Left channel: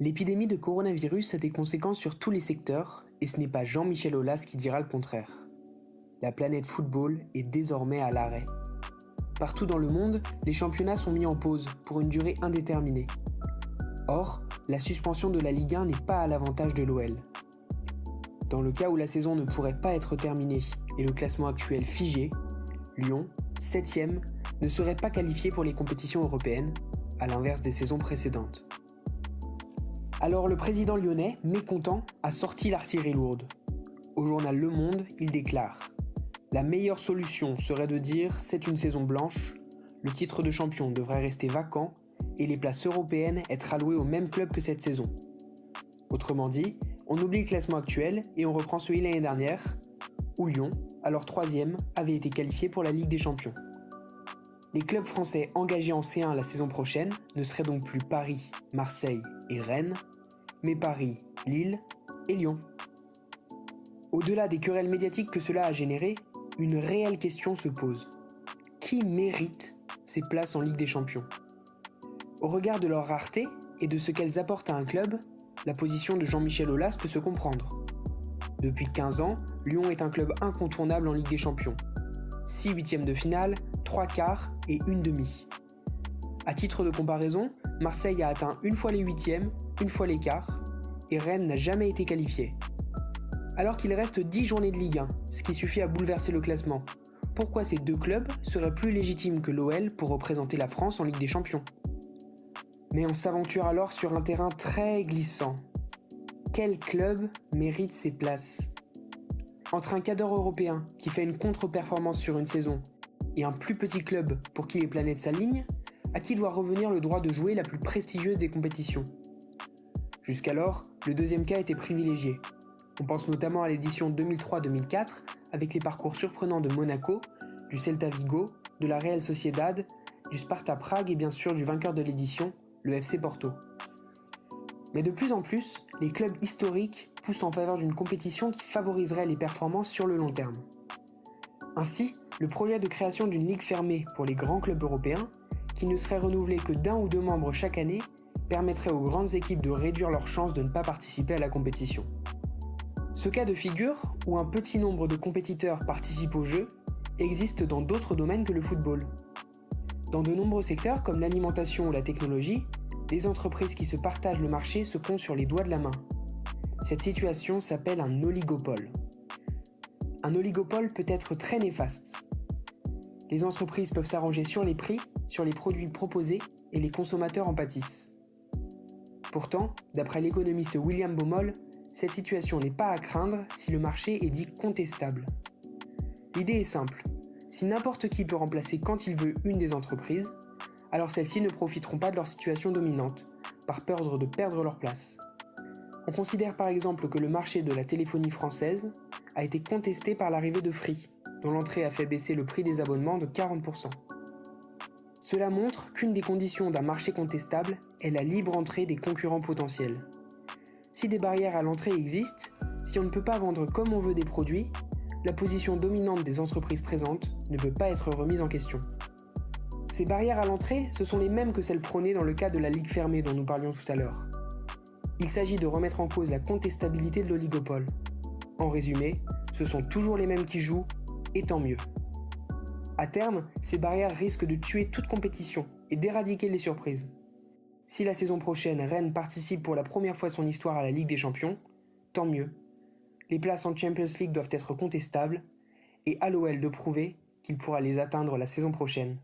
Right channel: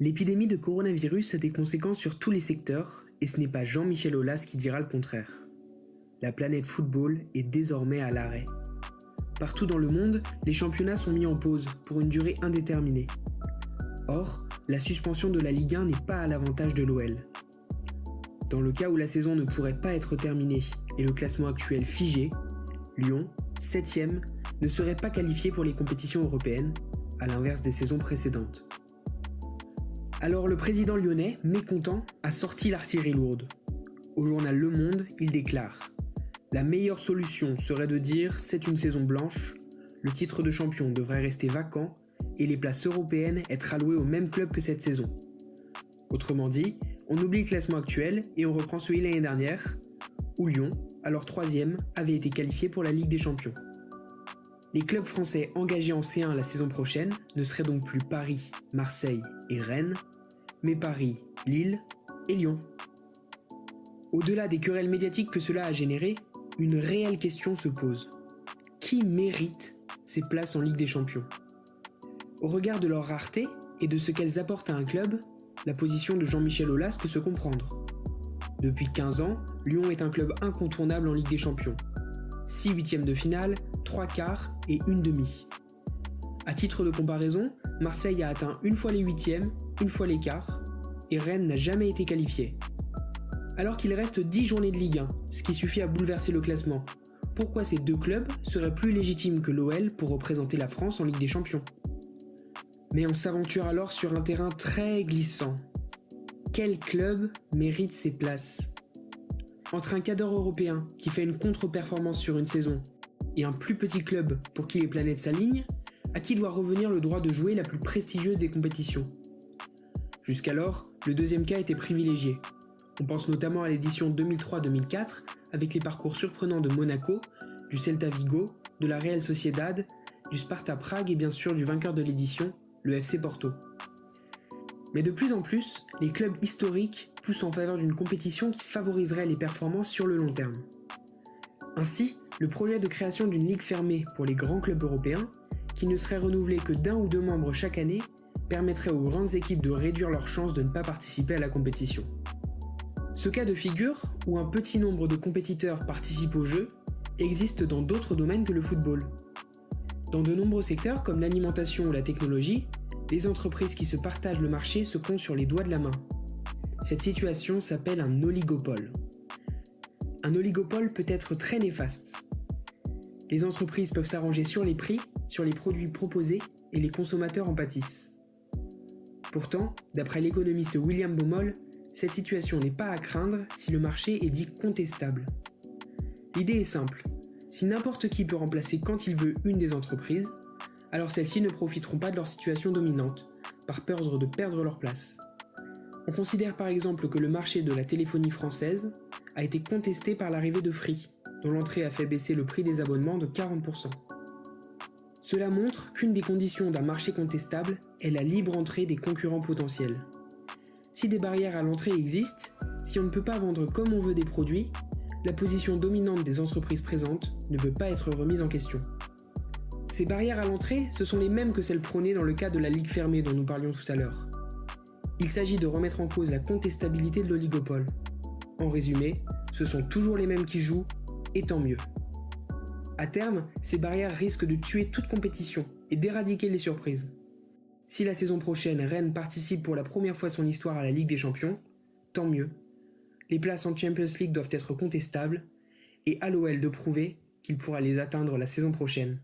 L'épidémie de coronavirus a des conséquences sur tous les secteurs et ce n'est pas Jean-Michel Aulas qui dira le contraire. La planète football est désormais à l'arrêt. Partout dans le monde, les championnats sont mis en pause pour une durée indéterminée. Or, la suspension de la Ligue 1 n'est pas à l'avantage de l'OL. Dans le cas où la saison ne pourrait pas être terminée et le classement actuel figé, Lyon, 7e, ne serait pas qualifié pour les compétitions européennes, à l'inverse des saisons précédentes. Alors le président lyonnais, mécontent, a sorti l'artillerie lourde. Au journal Le Monde, il déclare « La meilleure solution serait de dire c'est une saison blanche, le titre de champion devrait rester vacant et les places européennes être allouées au même club que cette saison. Autrement dit, on oublie le classement actuel et on reprend celui de l'année dernière, où Lyon, alors 3e, avait été qualifié pour la Ligue des Champions. Les clubs français engagés en C1 la saison prochaine ne seraient donc plus Paris, Marseille et Rennes, mais Paris, Lille et Lyon. Au-delà des querelles médiatiques que cela a générées, une réelle question se pose. Qui mérite ces places en Ligue des Champions ? Au regard de leur rareté et de ce qu'elles apportent à un club, la position de Jean-Michel Aulas peut se comprendre. Depuis 15 ans, Lyon est un club incontournable en Ligue des Champions. 6 huitièmes de finale, 3 quarts et une demi. À titre de comparaison, Marseille a atteint une fois les huitièmes, une fois les quarts, et Rennes n'a jamais été qualifié. Alors qu'il reste 10 journées de Ligue 1, ce qui suffit à bouleverser le classement, pourquoi ces deux clubs seraient plus légitimes que l'OL pour représenter la France en Ligue des Champions ? Mais on s'aventure alors sur un terrain très glissant. Quel club mérite ces places ? Entre un cadre européen qui fait une contre-performance sur une saison et un plus petit club pour qui les planètes s'alignent, à qui doit revenir le droit de jouer la plus prestigieuse des compétitions ? Jusqu'alors, le deuxième cas était privilégié. On pense notamment à l'édition 2003-2004 avec les parcours surprenants de Monaco, du Celta Vigo, de la Real Sociedad, du Sparta Prague et bien sûr du vainqueur de l'édition, le FC Porto. Mais de plus en plus, les clubs historiques poussent en faveur d'une compétition qui favoriserait les performances sur le long terme. Ainsi, le projet de création d'une ligue fermée pour les grands clubs européens, qui ne serait renouvelée que d'1 ou 2 membres chaque année, permettrait aux grandes équipes de réduire leurs chances de ne pas participer à la compétition. Ce cas de figure, où un petit nombre de compétiteurs participent au jeu, existe dans d'autres domaines que le football. Dans de nombreux secteurs comme l'alimentation ou la technologie, les entreprises qui se partagent le marché se comptent sur les doigts de la main. Cette situation s'appelle un oligopole. Un oligopole peut être très néfaste. Les entreprises peuvent s'arranger sur les prix, sur les produits proposés et les consommateurs en pâtissent. Pourtant, d'après l'économiste William Baumol, cette situation n'est pas à craindre si le marché est dit contestable. L'idée est simple, si n'importe qui peut remplacer quand il veut une des entreprises, alors celles-ci ne profiteront pas de leur situation dominante, par peur de perdre leur place. On considère par exemple que le marché de la téléphonie française a été contesté par l'arrivée de Free, dont l'entrée a fait baisser le prix des abonnements de 40%. Cela montre qu'une des conditions d'un marché contestable est la libre entrée des concurrents potentiels. Si des barrières à l'entrée existent, si on ne peut pas vendre comme on veut des produits, la position dominante des entreprises présentes ne peut pas être remise en question. Ces barrières à l'entrée, ce sont les mêmes que celles prônées dans le cas de la ligue fermée dont nous parlions tout à l'heure. Il s'agit de remettre en cause la contestabilité de l'oligopole. En résumé, ce sont toujours les mêmes qui jouent, et tant mieux. À terme, ces barrières risquent de tuer toute compétition et d'éradiquer les surprises. Si la saison prochaine, Rennes participe pour la première fois de son histoire à la Ligue des Champions, tant mieux. Les places en Champions League doivent être contestables, et à l'OL de prouver qu'il pourra les atteindre la saison prochaine.